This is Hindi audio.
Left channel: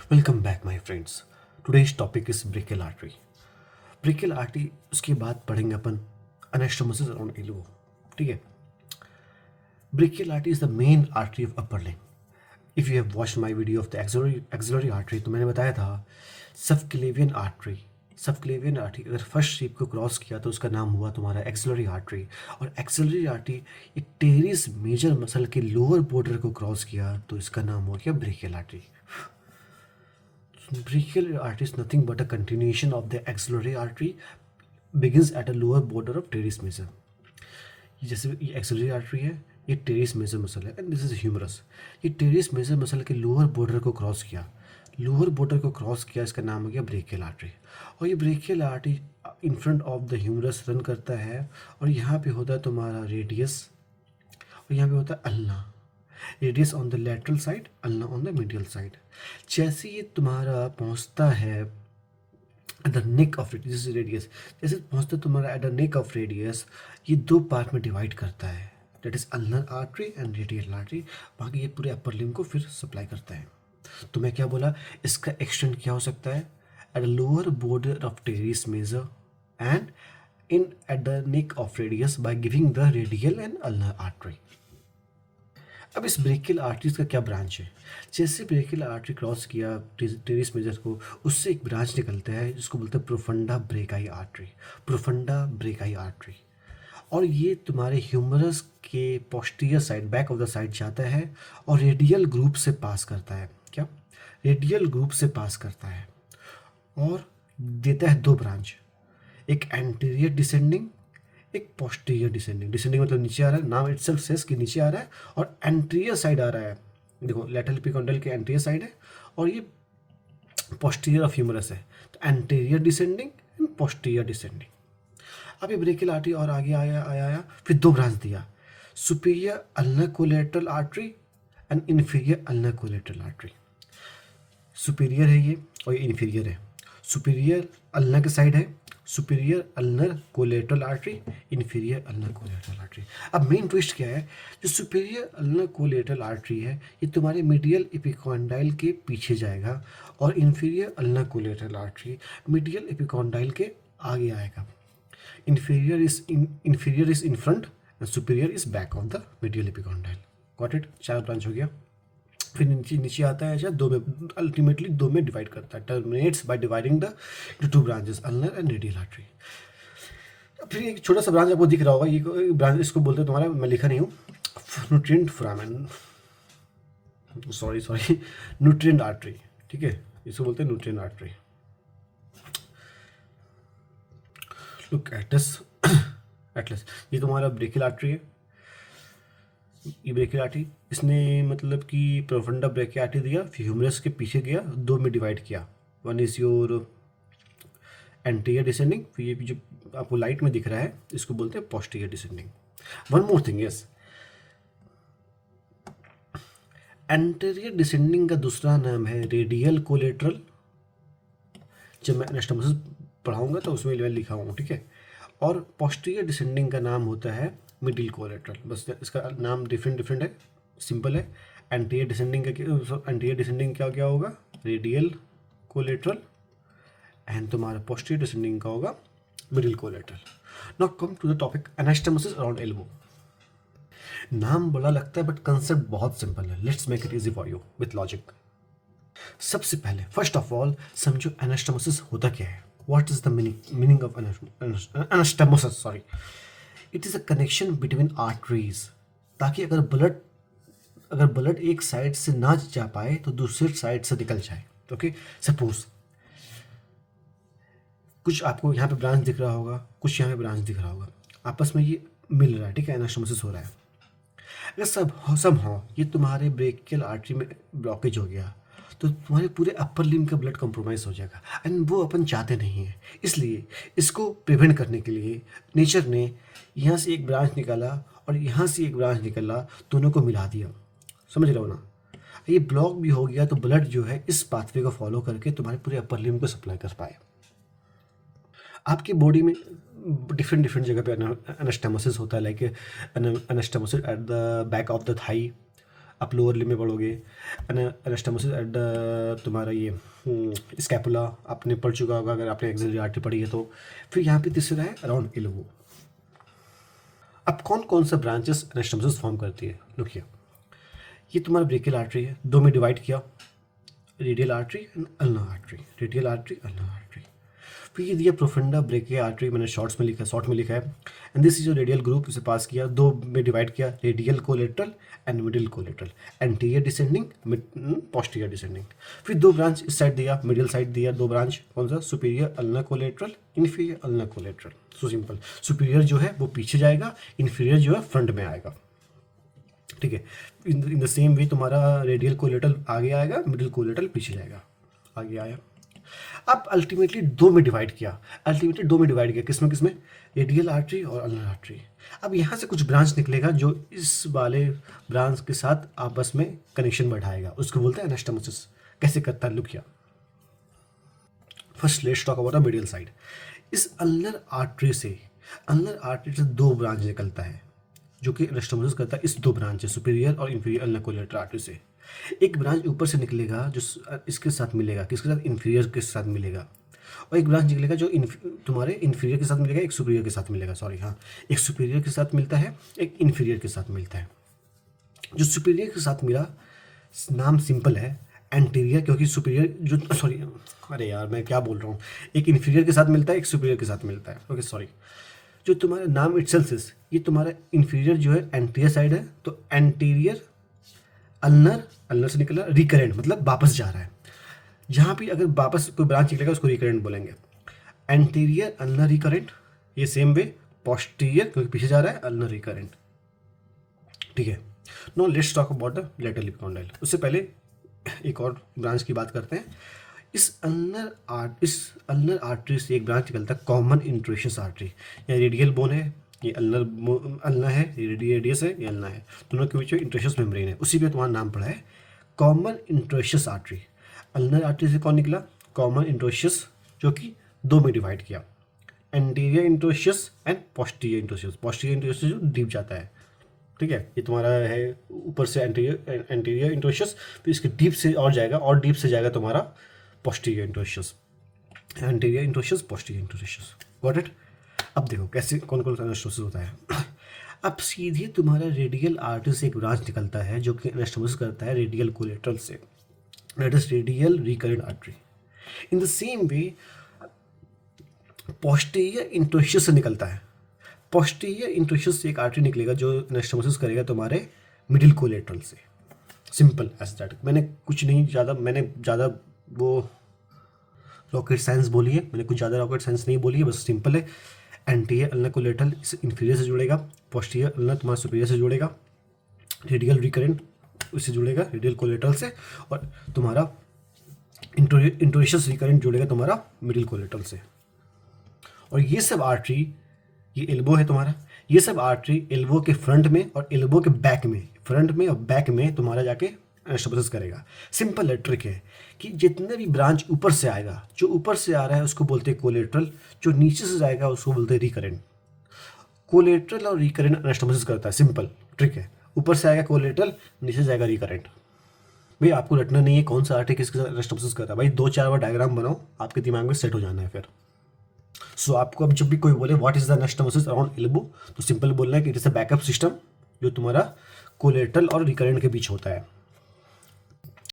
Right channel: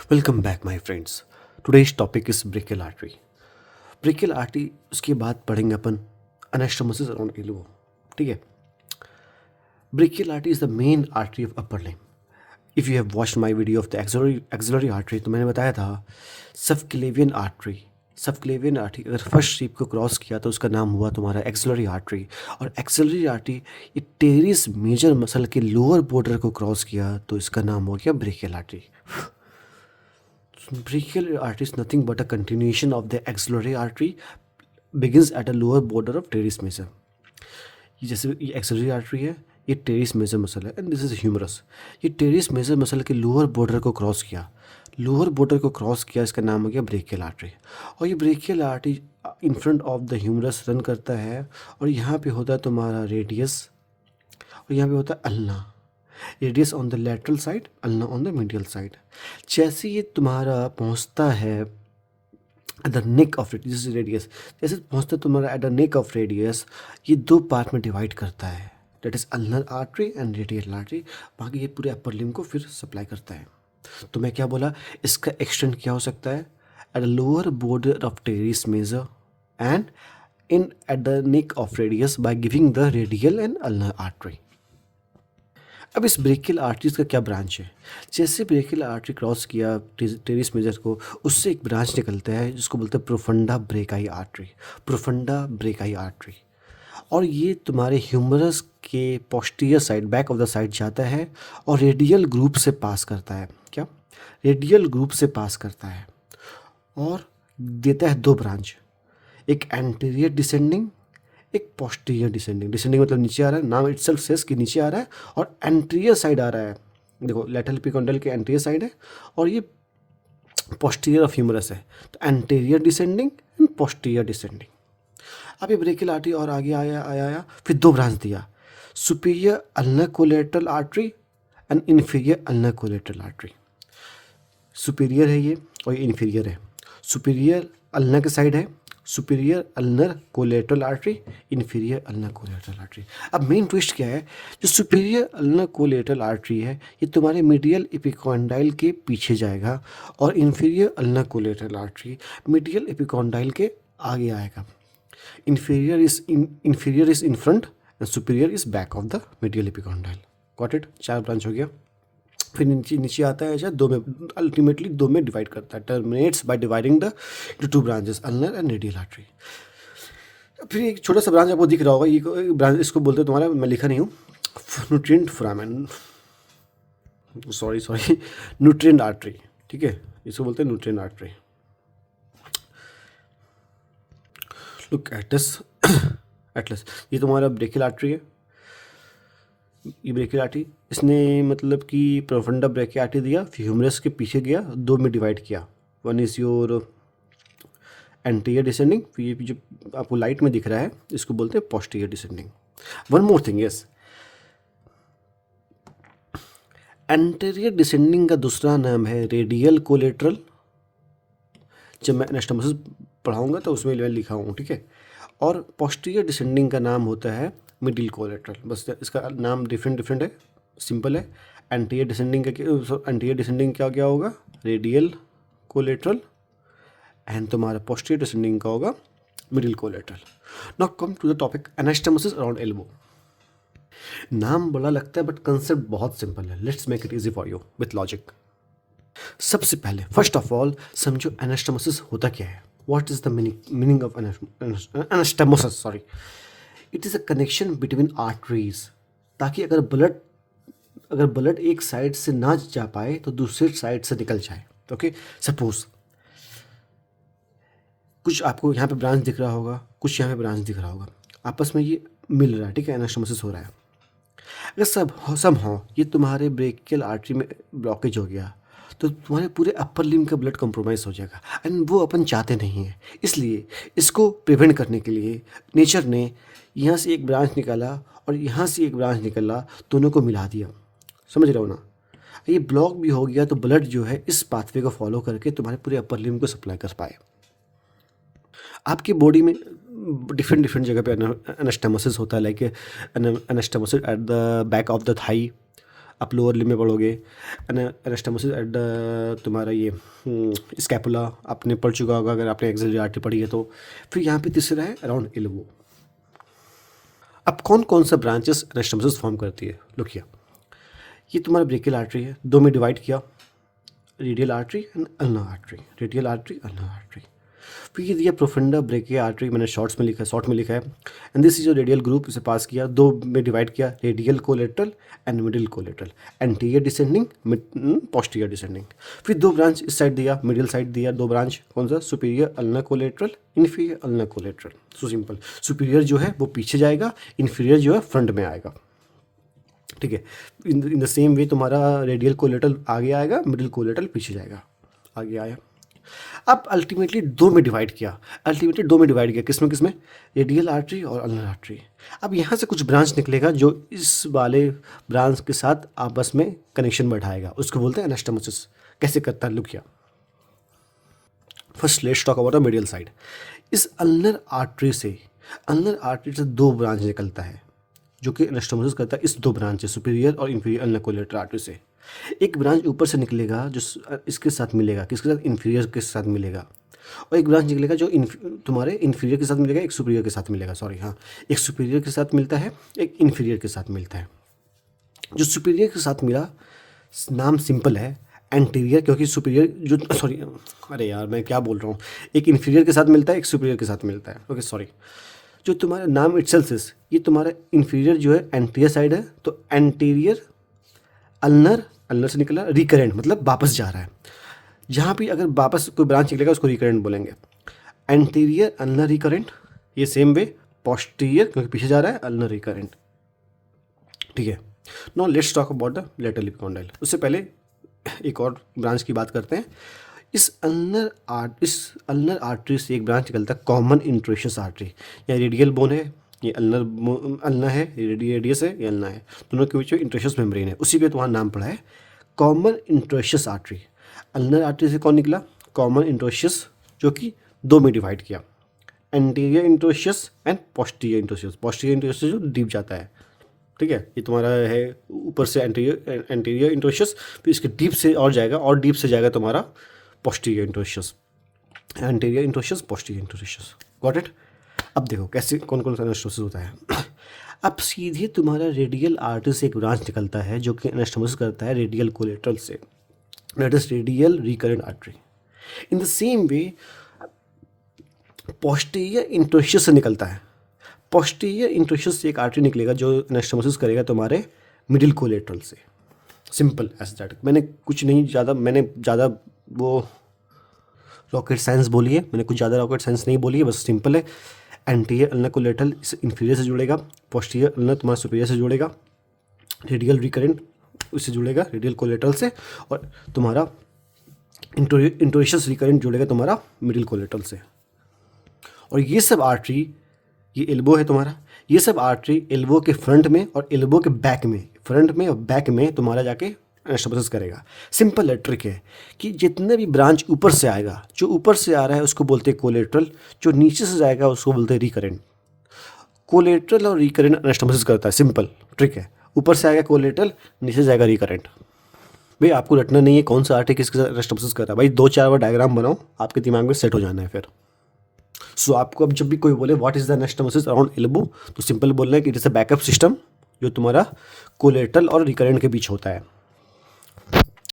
Welcome back my friends. Today's topic is brachial artery. Brachial artery उसके बाद पढ़ेंगे अपन एनास्टोमोसिस अराउंड एल्बो। ठीक है। Brachial artery is the main artery of upper limb. If you have watched my video of the axillary artery, तो मैंने बताया था सबक्लेवियन आर्टरी। सबक्लेवियन आर्टरी अगर फर्स्ट शीप को क्रॉस किया तो उसका नाम हुआ तुम्हारा एक्सिलरी आर्टरी। और एक्सिलरी आर्टरी ये टेरिस मेजर मसल के लोअर बॉर्डर को क्रॉस किया तो इसका नाम हो गया brachial artery. Brachial artery is nothing but a continuation of the axillary artery, begins at a lower border of teres major. ये जैसे ये एक्सिलरी आर्टरी है, ये टेरिस मेजर मसल है एंड दिस इज ह्यूमरस। ये टेरिस मेजर मसल के लोअर बॉर्डर को क्रॉस किया, लोअर बॉर्डर को क्रॉस किया, इसका नाम हो गया ब्रेकियल आर्टरी। और ये brachial artery in front of the humerus run करता है और यहाँ पे होता है तुम्हारा रेडियस और यहाँ पे होता है ulna. Radius on the lateral side, ulna on the medial side. जैसे ये तुम्हारा पहुंचता है at the neck of radius, जैसे पहुंचता है तुम्हारा eight the neck of radius, ये दो पार्ट में डिवाइड करता है, that is ulnar artery and radial artery. बाकी ये पूरे अपर लिम्ब को फिर सप्लाई करता है। तो मैं क्या बोला, इसका एक्सटेंड क्या हो सकता है, at the lower border of teres major and in at the neck of radius by giving the radial and ulnar artery. अब इस ब्रेकियल आर्टरीज का क्या ब्रांच है, जैसे ब्रेकियल आर्टरी क्रॉस किया टेरिस मेजर को, उससे एक ब्रांच निकलता है जिसको बोलते हैं profunda brachii artery. Profunda brachii artery, और ये तुम्हारे ह्यूमरस के posterior side, back of the side जाता है और रेडियल ग्रुप से पास करता है। क्या, रेडियल ग्रुप से पास करता है और देता है दो ब्रांच, एक एंटीरियर डिसेंडिंग, एक पोस्टीरियर डिसेंडिंग। डिसेंडिंग मतलब नीचे आ रहा है, नाम इटसेल्फ सेज कि नीचे आ रहा है, और एंटीरियर साइड आ रहा है। देखो लेटरल एपिकॉन्डल के एंटीरियर साइड है और ये पोस्टीरियर ऑफ ह्यूमरस है, तो anterior descending and posterior descending. अब ये ब्रेकियल आर्टरी और आगे आया आया आया, फिर दो ब्रांच दिया, superior ulnar collateral artery and inferior ulnar collateral artery. Superior है ये और ये इन्फीरियर है। सुपीरियर अल्नर के साइड है, superior ulnar collateral artery, inferior ulnar collateral artery. अब मेन ट्विस्ट क्या है, जो सुपीरियर अल्नर कोलेटरल आर्टरी है ये तुम्हारे मीडियल एपिकॉन्डाइल के पीछे जाएगा और inferior ulnar collateral artery medial epicondyle के आगे आएगा। Inferior is in front end superior is back of the medial epicondyle. Got it, चार ब्रांच हो गया। फिर नीचे नीचे आता है, अच्छा दो में, अल्टीमेटली दो में डिवाइड करता है, terminates by dividing the two branches, ulnar and radial artery. फिर एक छोटा सा ब्रांच आपको दिख रहा होगा, ये ब्रांच इसको बोलते हैं तुम्हारा, मैं लिखा नहीं हूँ, nutrient foramen, sorry sorry, nutrient artery. ठीक है, इसको बोलते हैं nutrient artery. Look at this Atlas, ये तुम्हारा ब्रेकियल आर्टरी है, ये ब्रेकियल आर्टरी, इसने मतलब कि प्रोफंडा ब्रेकियल आर्टरी दिया, फिर ह्यूमरस के पीछे गया, दो में डिवाइड किया, one is your anterior descending, फिर ये जो आपको लाइट में दिख रहा है इसको बोलते हैं posterior descending. One more thing, yes, anterior descending का दूसरा नाम है रेडियल कोलेटरल। जब मैं एनास्टोमोसिस पढ़ाऊंगा तो उसमें मैं लिखा हूँ, ठीक है। और पोस्टीरियर डिसेंडिंग का नाम होता है मिडिल कोलेटरल, बस इसका नाम डिफरेंट डिफरेंट है, सिंपल है। एंटीरियर डिसेंडिंग का, एंटीरियर डिसेंडिंग क्या क्या होगा, रेडियल कोलेटरल, एंड तुम्हारा पोस्टीरियर डिसेंडिंग का होगा middle collateral. Now come to the topic anastomosis around elbow. नाम बड़ा लगता है बट कंसेप्ट बहुत सिंपल है, let's make it easy for you with logic. सबसे पहले फर्स्ट ऑफ ऑल समझो एनास्टोमोसिस होता क्या है, what is the meaning of anastomosis, sorry. It is a connection between arteries, ताकि अगर ब्लड एक साइड से ना जा पाए तो दूसरे साइड से निकल जाए। ओके, सपोज कुछ आपको यहाँ पे ब्रांच दिख रहा होगा, कुछ यहाँ पे ब्रांच दिख रहा होगा, आपस में ये मिल रहा है, ठीक है, एनास्टोमोसिस हो रहा है। अगर सब हो ये तुम्हारे ब्रेकियल आर्टरी में ब्लॉकेज हो गया तो तुम्हारे पूरे अपर लिम्ब का ब्लड कंप्रोमाइज़ हो जाएगा, एंड वो अपन चाहते नहीं हैं। इसलिए इसको प्रिवेंट करने के लिए नेचर ने यहाँ से एक ब्रांच निकाला और यहाँ से एक ब्रांच निकाला, दोनों को मिला दिया, समझ रहे हो ना। ये ब्लॉक भी हो गया तो ब्लड जो है इस पाथवे को फॉलो करके तुम्हारे पूरे अपर लिम्ब को सप्लाई कर पाए। आपकी बॉडी में डिफरेंट डिफरेंट जगह पे एनास्टोमोसिस होता है, like anastomosis at the back of the thigh, आप लोअर लिम्ब में पढ़ोगे एनास्टोमोसिस एट द तुम्हारा ये स्कैपुला आपने पढ़ चुका होगा अगर आपने एक्सिलरी आर्टरी पढ़ी है तो। फिर यहाँ पे तीसरा है अराउंड एल्बो। अब कौन कौन सा ब्रांचेस एनास्टोमोसिस फॉर्म करती है, लुक हियर। ये तुम्हारा ब्रेकियल आर्टरी है, दो में डिवाइड किया, radial artery and ulnar artery, radial artery ulnar artery. फिर ये दिया प्रोफंडा ब्रेकिया आर्टरी, मैंने शॉर्ट में लिखा है। एंड दिस इज जो रेडियल ग्रुप, इसे पास किया, दो में डिवाइड किया, radial collateral and middle collateral, anterior descending posterior descending. फिर दो ब्रांच इस साइड दिया, मिडिल साइड दिया, दो ब्रांच कौन सा, superior ulnar collateral, inferior ulnar collateral. So simple, superior जो है वो पीछे जाएगा, इन्फीरियर जो है फ्रंट में आएगा, ठीक है। इन द सेम वे तुम्हारा रेडियल कोलेटरल आगे आएगा, मिडिल कोलेटरल पीछे जाएगा, आगे आया। अब अल्टीमेटली दो में डिवाइड किया, किसमें, रेडियल आर्टरी और अल्नर आर्टरी। अब यहाँ से कुछ ब्रांच निकलेगा जो इस वाले ब्रांच के साथ आपस में कनेक्शन बैठाएगा, उसको बोलते हैं एनास्टोमोसिस। कैसे करता है, look here. First let's talk about the medial side. इस अल्नर आर्टरी से दो ब्रांच निकलता है जो कि एनास्टोमोसिस करता है इस दो ब्रांच से, सुपीरियर और इंफीरियर अल्नर कोलेटरल आर्टरी से। एक ब्रांच ऊपर से निकलेगा जो इसके साथ मिलेगा, किसके साथ, इन्फीरियर के साथ मिलेगा, और एक ब्रांच निकलेगा जो तुम्हारे इन्फीरियर के साथ मिलेगा, एक सुपीरियर के साथ मिलेगा, एक सुपीरियर के साथ मिलता है, एक इन्फीरियर के साथ मिलता है। जो सुपीरियर के साथ मिला, नाम सिंपल है एंटीरियर, क्योंकि सुपीरियर जो अरे यार मैं क्या बोल रहा हूँ, एक इन्फीरियर के साथ मिलता है, एक सुपीरियर के साथ मिलता है, ओके जो तुम्हारा नाम इटसेल्फ इज, ये तुम्हारा इन्फीरियर जो है एंटीरियर साइड है, तो एंटीरियर अल्नर से निकला, रिकरेंट मतलब वापस जा रहा है। जहाँ भी अगर वापस कोई ब्रांच निकलेगा उसको रिकरेंट बोलेंगे। एंटीरियर अल्नर रिकरेंट, ये सेम वे पोस्टीरियर क्योंकि पीछे जा रहा है, अल्नर रिकरेंट, ठीक है। No let's talk about the lateral epicondyle. उससे पहले एक और ब्रांच की बात करते हैं। इस अल्नर आर्टरी से एक ब्रांच निकलता है कॉमन इंट्रोशियस आर्टरी। या रेडियल बोन है, ये अल्नर है, रेडियस है, ये अल्नर है, दोनों के बीच में इंट्रोशियस मेम्ब्रेन है, उसी पे तुम्हारा नाम पड़ा है common interosseous artery. Ulnar artery से कौन निकला, कॉमन इंट्रोशियस, जो कि दो में डिवाइड किया, anterior interosseous and posterior interosseous जो डीप जाता है, ठीक है। ये तुम्हारा है ऊपर से एंटीरियर इंट्रोशियस, फिर इसके डीप से और जाएगा, और डीप से जाएगा तुम्हारा posterior interosseous, anterior interosseous, posterior interosseous, got it. अब देखो कैसे कौन कौन सा एनास्टोमोसिस होता है। अब सीधे तुम्हारा रेडियल आर्टरी से एक ब्रांच निकलता है जो कि एनास्टोमोसिस करता है रेडियल कोलेटरल से, that is radial recurrent artery. In the same way posterior interosseous से निकलता है, पोस्टीरियर इंट्रोशियस से एक आर्टरी निकलेगा जो एनास्टोमोसिस करेगा तुम्हारे मिडिल कोलेटरल से, सिंपल एज दैट। मैंने ज़्यादा वो रॉकेट साइंस बोली है, मैंने कुछ ज़्यादा रॉकेट साइंस नहीं बोली है, बस सिंपल है। एंटीरियर अल्नर कोलेटरल इन्फीरियर से जुड़ेगा, पोस्टीरियर अल्नर तुम्हारा सुपीरियर से जुड़ेगा, रेडियल रिकरेंट उससे जुड़ेगा रेडियल कोलेटरल से, और तुम्हारा इंट्रोशियस रिकरेंट जुड़ेगा तुम्हारा मिडिल कोलेटरल से। और ये सब आर्टरी, ये एल्बो है तुम्हारा, ये सब आर्टरी एल्बो के फ्रंट में और एल्बो के बैक में, फ्रंट में और बैक में तुम्हारा जाके एनास्टोमोसिस करेगा। सिंपल ट्रिक है कि जितने भी ब्रांच ऊपर से आएगा, जो ऊपर से आ रहा है उसको बोलते हैं कोलेटरल, जो नीचे से जाएगा उसको बोलते हैं रिकरेंट। कोलेटरल और रिकरेंट एनास्टोमोसिस करता है, सिंपल ट्रिक है। ऊपर से आएगा कोलेटरल, नीचे से जाएगा रिकरेंट। भाई आपको रटना नहीं है कौन सा आर्टरी किसके साथ एनास्टोमोसिस कर रहा है, भाई 2-4 बार डायग्राम बनाओ, आपके दिमाग में सेट हो जाना है फिर। सो आपको अब जब भी कोई बोले what is the anastomosis around elbow, तो सिंपल बोलना है कि it is a backup system जो तुम्हारा कोलेटरल और रिकरेंट के बीच होता है।